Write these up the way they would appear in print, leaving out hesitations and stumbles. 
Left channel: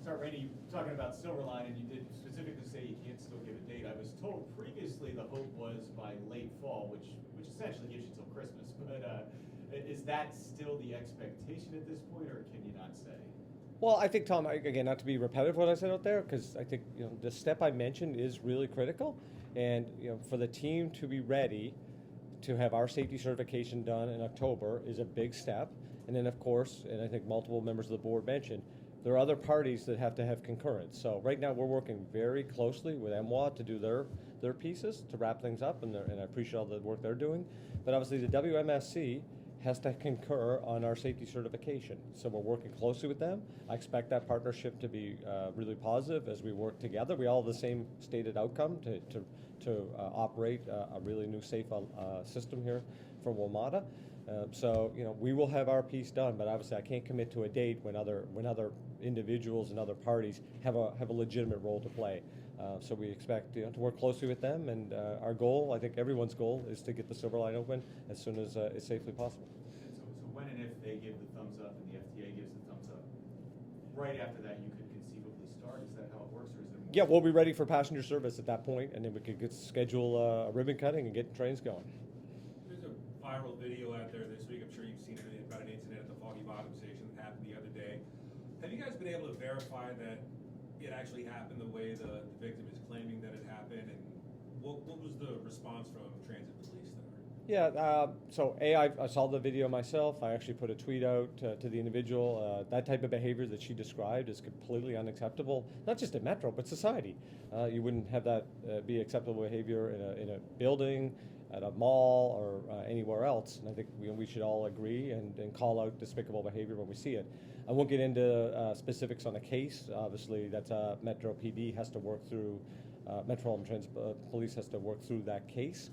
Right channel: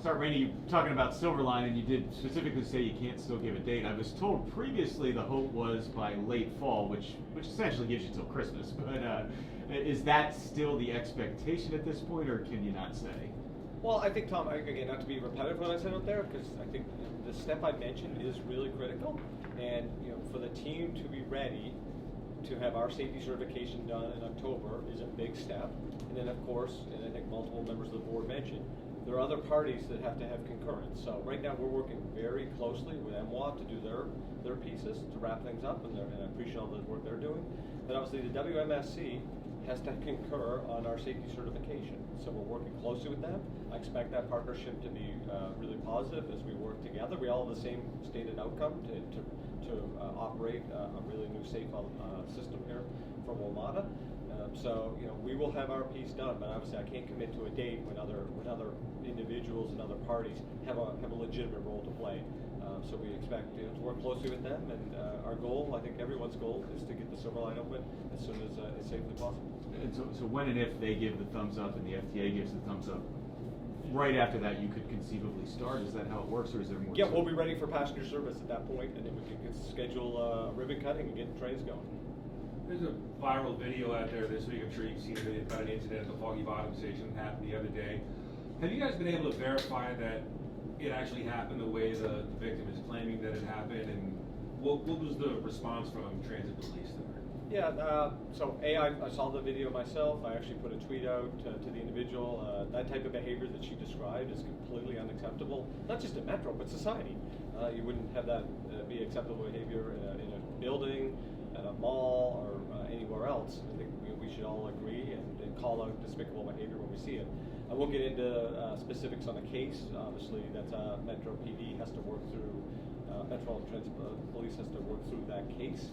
start, Randy, you talking about Silverline, and you did specifically say you can't still give a date. I was told previously the hope was by late fall, which essentially gives you till Christmas. But is that still the expectation at this point, or can you not say? Well, I think, Tom, again, not to be repetitive what I said out there, because I think the step I mentioned is really critical, and for the team to be ready to have our safety certification done in October is a big step. And then, of course, and I think multiple members of the board mentioned, there are other parties that have to have concurrence. So right now we're working very closely with MWA to do their pieces to wrap things up, and I appreciate all the work they're doing. But obviously the WMSC has to concur on our safety certification. So we're working closely with them. I expect that partnership to be really positive as we work together. We all have the same stated outcome to operate a really new safe system here for WMATA. So we will have our piece done, but obviously I can't commit to a date when other individuals and other parties have a legitimate role to play. So we expect to work closely with them, and our goal, I think everyone's goal, is to get the Silverline open as soon as it's safely possible. And so when and if they give the thumbs up and the FTA gives the thumbs up, right after that you could conceivably start? Is that how it works, or is there more? Yeah, we'll be ready for passenger service at that point, and then we could schedule a ribbon cutting and get trains going. There's a viral video out there this week, I'm sure you've seen it, about an incident at the Foggy Bottom station that happened the other day. Have you guys been able to verify that it actually happened the way the victim is claiming that it happened, and what was the response from transit police there? Yeah, so I saw the video myself. I actually put a tweet out to the individual. That type of behavior that she described is completely unacceptable, not just in Metro, but society. You wouldn't have that be acceptable behavior in a building, at a mall, or anywhere else. I think we should all agree and call out despicable behavior when we see it. I won't get into specifics on the case. Obviously, that's Metro PD has to work through. Metropolitan Transit Police has to work through that case.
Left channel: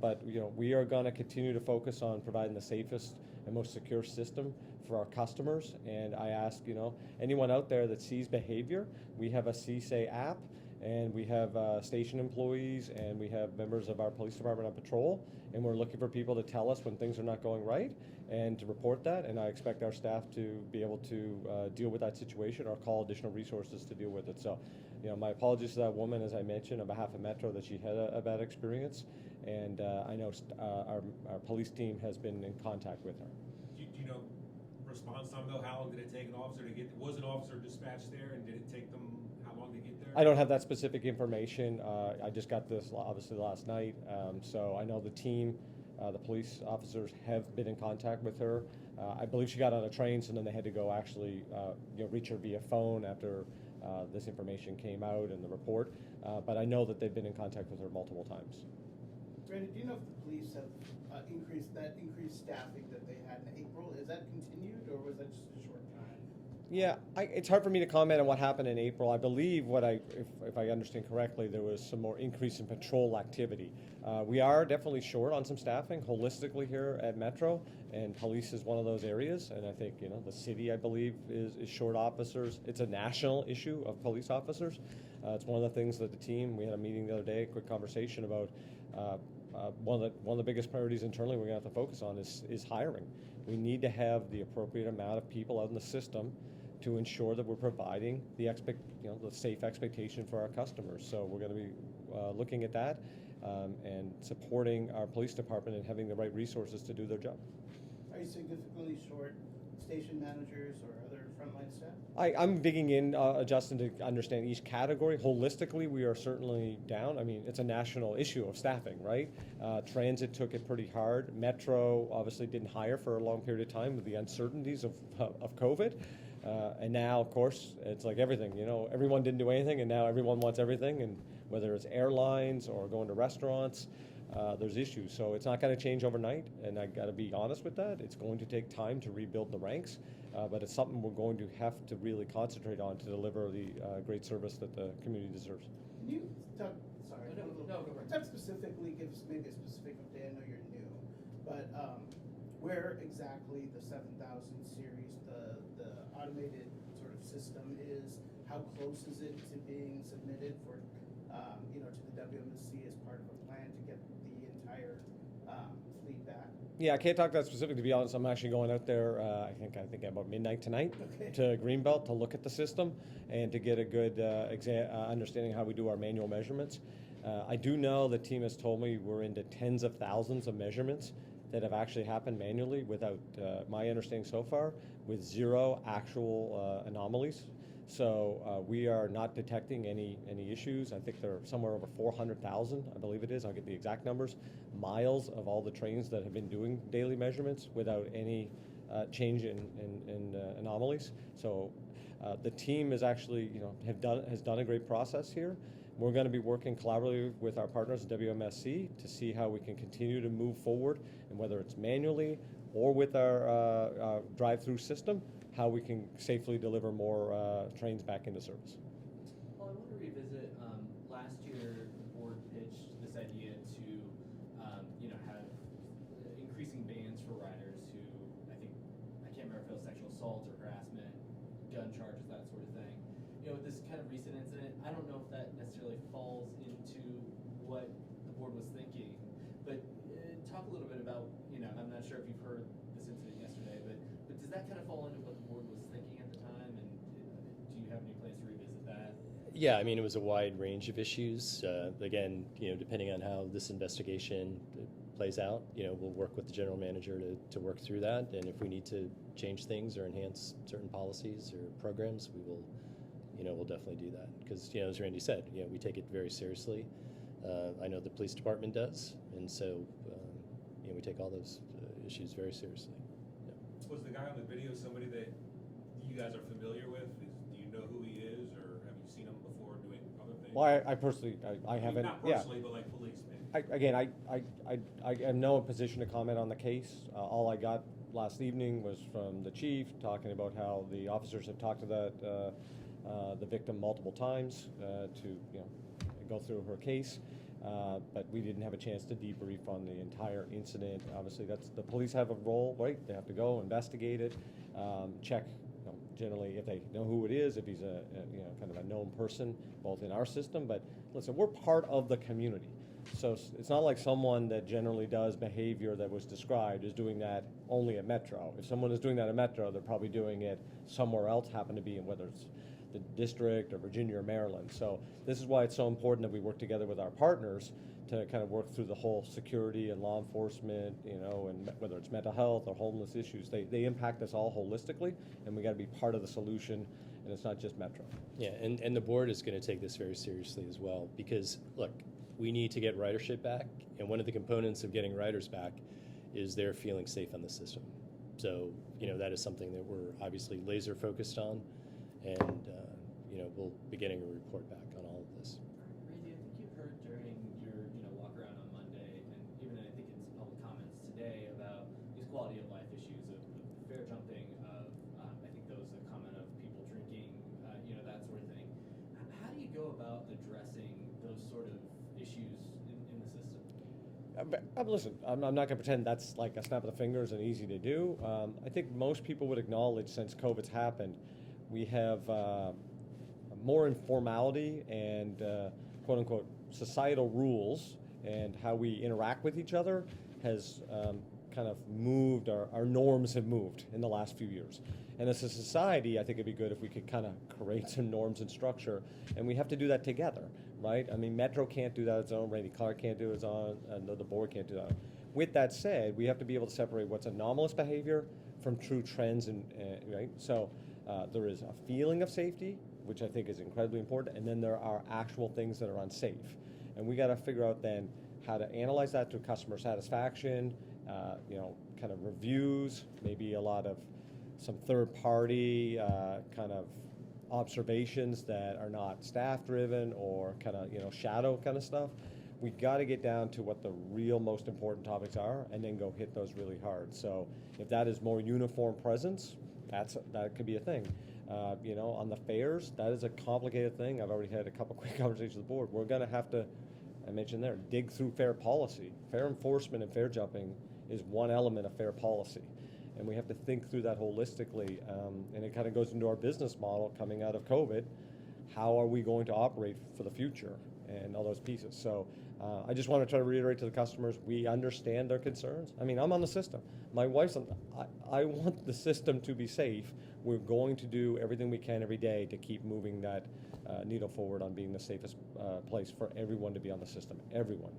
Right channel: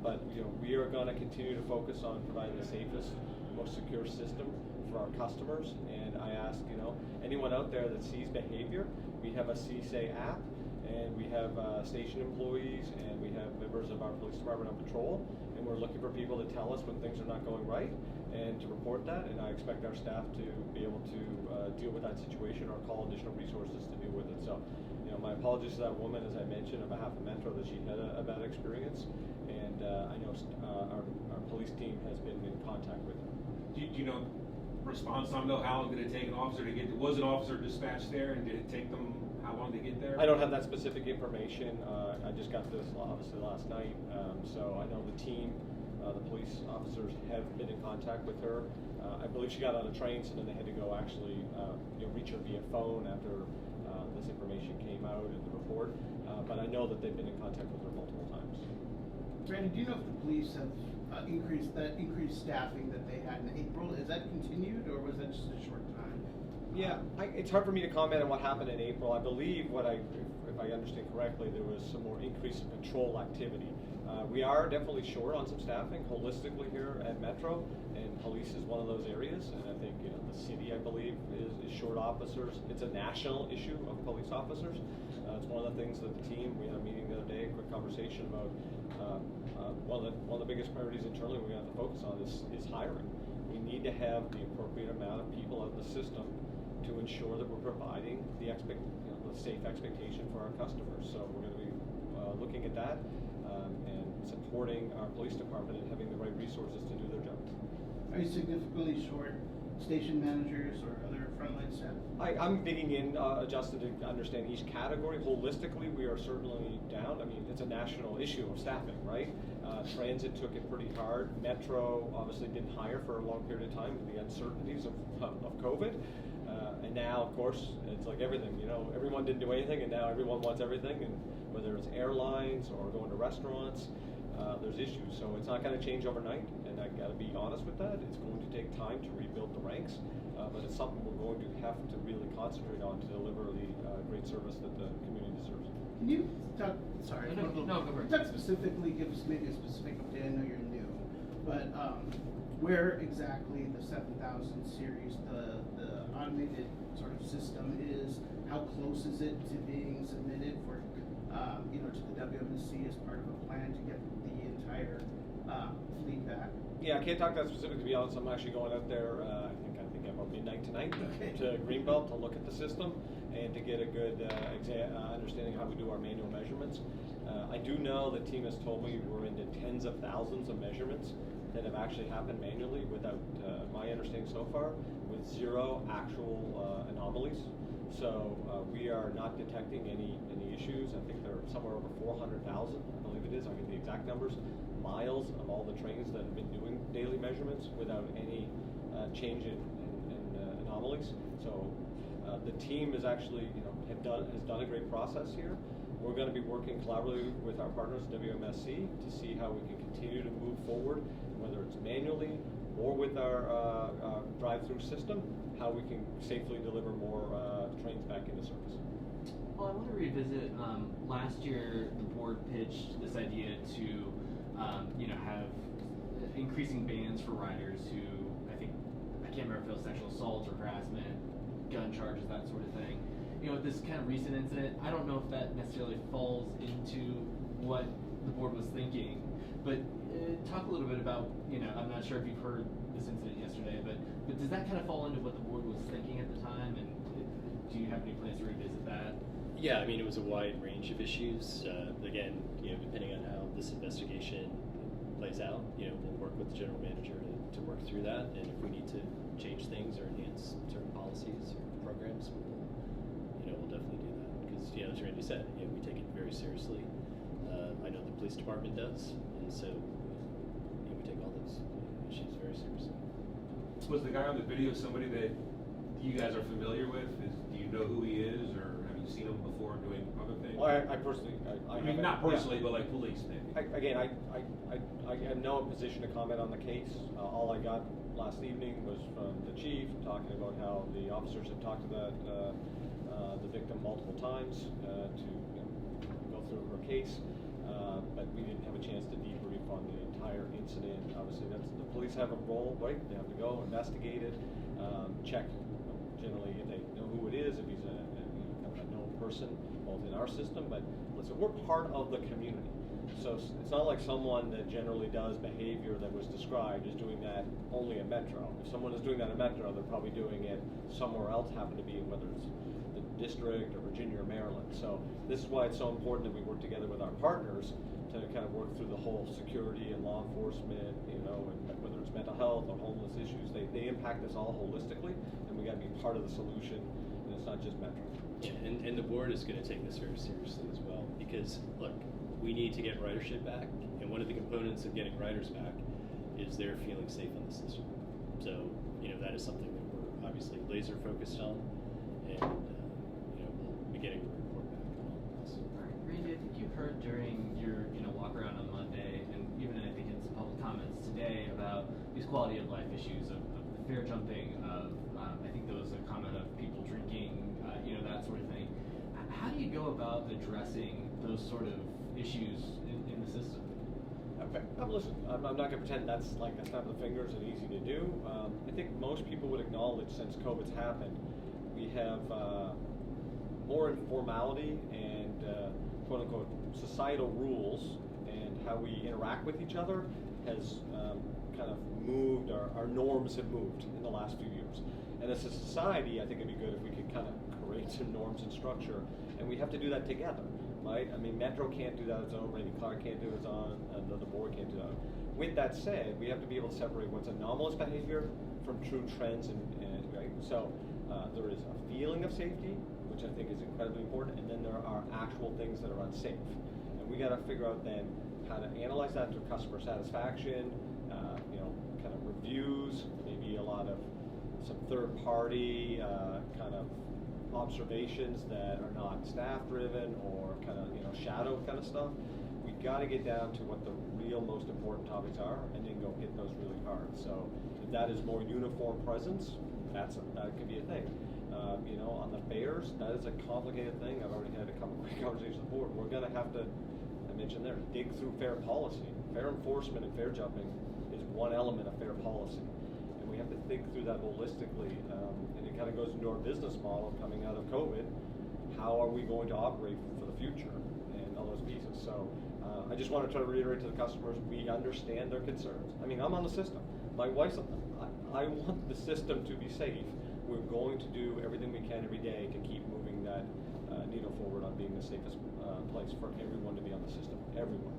But we are going to continue to focus on providing the safest and most secure system for our customers. And I ask anyone out there that sees behavior, we have a CSAY app, and we have station employees, and we have members of our police department on patrol, and we're looking for people to tell us when things are not going right and to report that. And I expect our staff to be able to deal with that situation or call additional resources to deal with it. So my apologies to that woman, as I mentioned, on behalf of Metro, that she had a bad experience, and I know our police team has been in contact with her. Do you know response time though? How long did it take an officer to get? Was an officer dispatched there, and did it take them how long to get there? I don't have that specific information. I just got this obviously last night, so I know the team, the police officers have been in contact with her. I believe she got on a train, so then they had to go actually reach her via phone after this information came out in the report. But I know that they've been in contact with her multiple times. Randy, do you know if the police have increased staffing that they had in April? Is that continued, or was that just a short time? Yeah, it's hard for me to comment on what happened in April. I believe if I understand correctly, there was some more increase in patrol activity. We are definitely short on some staffing holistically here at Metro, and police is one of those areas. And I think the city, I believe, is short officers. It's a national issue of police officers. It's one of the things that the team, we had a meeting the other day, a quick conversation about one of the biggest priorities internally we're going to have to focus on is hiring. We need to have the appropriate amount of people out in the system to ensure that we're providing the safe expectation for our customers. So we're going to be looking at that and supporting our police department and having the right resources to do their job. Are you significantly short station managers or other frontline staff? I'm digging in, Justin, to understand each category. Holistically, we are certainly down. I mean, it's a national issue of staffing, right? Transit took it pretty hard. Metro obviously didn't hire for a long period of time with the uncertainties of COVID. And now, of course, it's like everything, everyone didn't do anything, and now everyone wants everything, and whether it's airlines or going to restaurants, there's issues. So it's not going to change overnight, and I got to be honest with that. It's going to take time to rebuild the ranks, but it's something we're going to have to really concentrate on to deliver the great service that the community deserves. Can you talk, sorry, No, go ahead. talk specifically, give us maybe a specific update. I know you're new, but where exactly the 7000 series, the automated sort of system is, how close is it to being submitted for, to the WMSC as part of a plan to get the entire fleet back? Yeah, I can't talk that specific, to be honest. I'm actually going out there, I think about midnight tonight Okay. to Greenbelt to look at the system and to get a good understanding how we do our manual measurements. I do know the team has told me we're into tens of thousands of measurements that have actually happened manually without, my understanding so far, with zero actual anomalies. So we are not detecting any issues. I think there are somewhere over 400,000, I believe it is, I'll get the exact numbers, miles of all the trains that have been doing daily measurements without any change in anomalies. So the team is actually, has done a great process here. We're going to be working collaboratively with our partners at WMSC to see how we can continue to move forward, whether it's manually or with our drive-through system, how we can safely deliver more trains back into service. Well, I want to revisit, last year the board pitched this idea to, have increasing bans for riders who, I can't remember if it was sexual assault or harassment, gun charges, that sort of thing. With this kind of recent incident, I don't know if that necessarily falls into what the board was thinking, but talk a little bit about, I'm not sure if you've heard this incident yesterday, but does that kind of fall into what the board was thinking at the time, and do you have any plans to revisit that? Yeah, I mean, it was a wide range of issues. Again, depending on how this investigation plays out, we'll work with the general manager to work through that, and if we need to change things or enhance certain policies or programs, we'll definitely do that. Because, as Randy said, we take it very seriously. I know the police department does, and so we take all those issues very seriously. Was the guy on the video somebody that you guys are familiar with? Do you know who he is, or have you seen him before doing other things? Well, I personally, I mean, haven't. not personally, but like police, maybe. I am no position to comment on the case. All I got last evening was from the chief talking about how the officers had talked to the victim multiple times to go through her case, but we didn't have a chance to debrief on the entire incident. Obviously, the police have a role, right? They have to go investigate it, check. Generally, if they know who it is, if he's a kind of a known person, both in our system, but listen, we're part of the community. So it's not like someone that generally does behavior that was described is doing that only at Metro. If someone is doing that at Metro, they're probably doing it somewhere else, happen to be in whether it's the district or Virginia or Maryland. So this is why it's so important that we work together with our partners to kind of work through the whole security and law enforcement, and whether it's mental health or homeless issues, they impact us all holistically, and we got to be part of the solution, and it's not just Metro. Yeah, and the board is going to take this very seriously as well, because look, we need to get ridership back, and one of the components of getting riders back is they're feeling safe on the system. So that is something that we're obviously laser focused on, and we'll be getting a report back on all of this. All right, Randy, I think you heard during your walk around on Monday, and even I think in some public comments today, about these quality of life issues of the fare jumping, of I think there was a comment of people drinking, that sort of thing. How do you go about addressing those sort of issues in the system? Listen, I'm not going to pretend that's like a snap of the fingers and easy to do. I think most people would acknowledge since COVID's happened, we have more informality and quote unquote societal rules, and how we interact with each other has kind of moved, our norms have moved in the last few years. And as a society, I think it'd be good if we could kind of create some norms and structure, and we have to do that together, right? I mean, Metro can't do that on its own, Randy Clarke can't do it on its own, the board can't do that. With that said, we have to be able to separate what's anomalous behavior from true trends, and right? So there is a feeling of safety, which I think is incredibly important, and then there are actual things that are unsafe. And we got to figure out then how to analyze that through customer satisfaction, kind of reviews, maybe a lot of some third-party kind of observations that are not staff-driven or kind of shadow kind of stuff. We got to get down to what the real most important topics are, and then go hit those really hard. So if that is more uniform presence, that could be a thing. On the fares, that is a complicated thing. I've already had a couple quick conversations with the board. We're going to have to, I mentioned there, dig through fare policy. Fare enforcement and fare jumping is one element of fare policy, and we have to think through that holistically. And it kind of goes into our business model coming out of COVID. How are we going to operate for the future, and all those pieces? So I just want to try to reiterate to the customers, we understand their concerns. I mean, I'm on the system. My wife's on I want the system to be safe. We're going to do everything we can every day to keep moving that needle forward on being the safest place for everyone to be on the system. Everyone.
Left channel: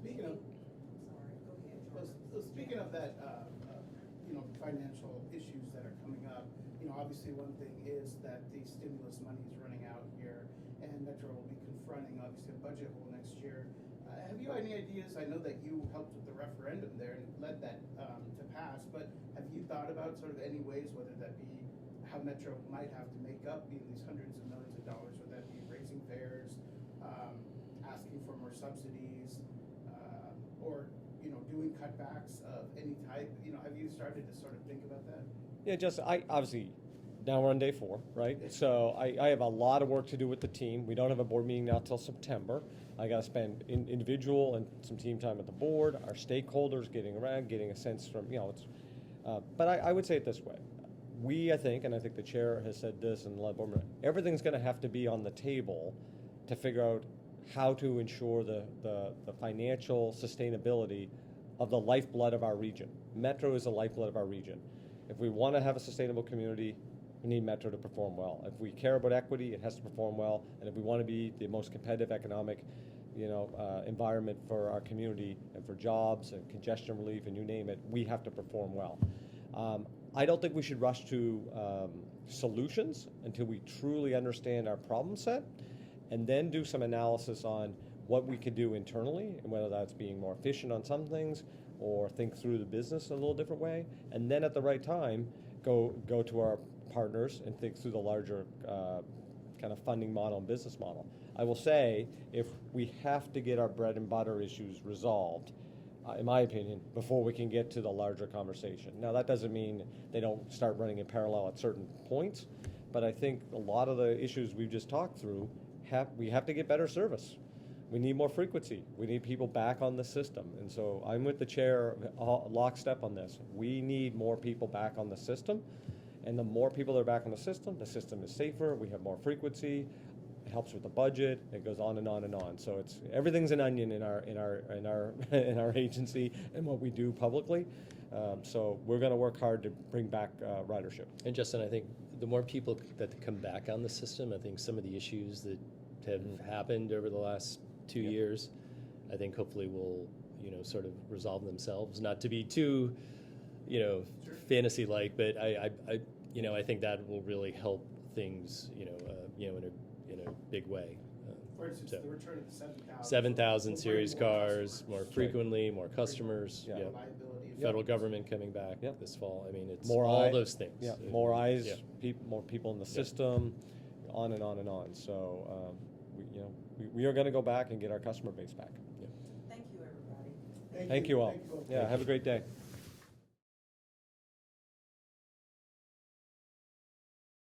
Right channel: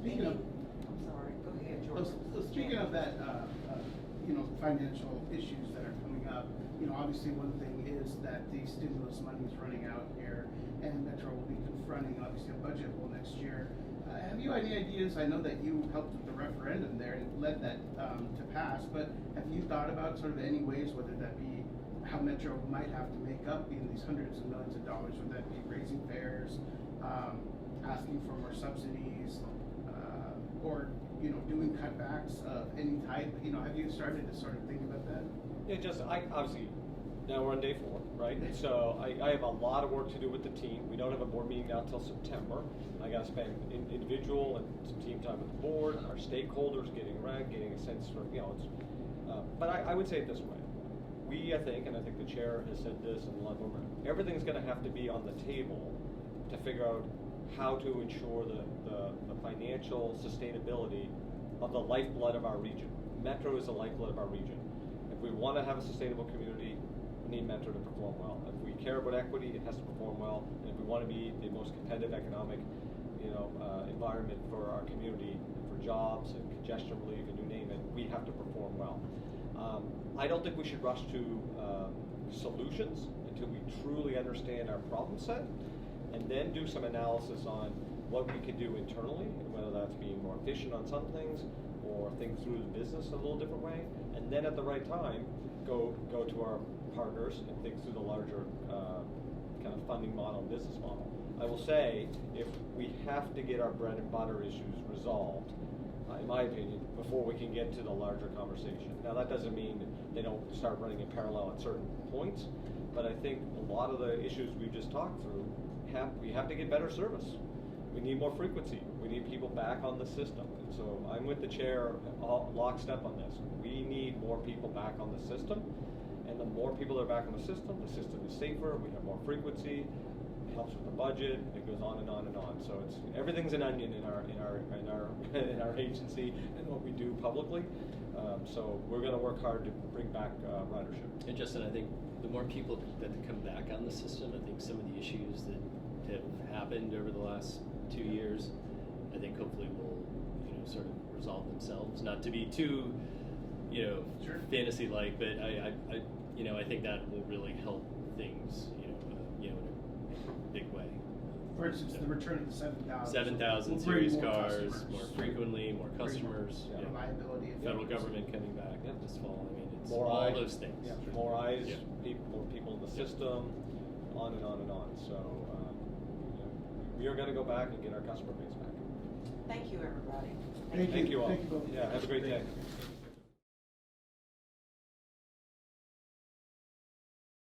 Speaking of, I'm sorry, go ahead, George. so speaking of that, financial issues that are coming up, obviously one thing is that the stimulus money is running out here, and Metro will be confronting obviously a budget hole next year. Have you any ideas? I know that you helped with the referendum there and led that to pass, but have you thought about sort of any ways, whether that be how Metro might have to make up these hundreds of millions of dollars, whether that be raising fares, asking for more subsidies, or doing cutbacks of any type? Have you started to sort of think about that? Yeah, just obviously now we're on day 4, right? So I have a lot of work to do with the team. We don't have a board meeting now until September. I got to spend individual and some team time with the board, our stakeholders, getting around, getting a sense from but I would say it this way: I think the chair has said this, and a lot of them, everything's going to have to be on the table to figure out how to ensure the financial sustainability of the lifeblood of our region. Metro is the lifeblood of our region. If we want to have a sustainable community, we need Metro to perform well. If we care about equity, it has to perform well. And if we want to be the most competitive economic, environment for our community and for jobs and congestion relief and you name it, we have to perform well. I don't think we should rush to solutions until we truly understand our problem set, and then do some analysis on what we can do internally, whether that's being more efficient on some things or think through the business in a little different way, and then at the right time go to our partners and think through the larger kind of funding model and business model. I will say, if we have to get our bread and butter issues resolved, in my opinion, before we can get to the larger conversation. Now that doesn't mean they don't start running in parallel at certain points, but I think a lot of the issues we've just talked through, we have to get better service. We need more frequency. We need people back on the system. And so I'm with the chair lockstep on this. We need more people back on the system. And the more people that are back on the system is safer, we have more frequency, it helps with the budget, it goes on and on and on. So everything's an onion in our agency and what we do publicly. So we're going to work hard to bring back ridership. And Justin, I think the more people that come back on the system, I think some of the issues that have happened over the last 2 years, I think hopefully will sort of resolve themselves. Not to be too Sure. fantasy-like, but I think that will really help things in a big way. For instance, the return of the 7,000. 7,000 will bring series more cars, customers. more frequently, more customers. More reliability. Federal government coming back this fall. I mean, it's More all eyes, those things. Yeah, more eyes, Yeah. more people in the system, on and on and on. So we are going to go back and get our customer base back. Thank you, everybody. Thank you all. Thank you both. Yeah, have a great day.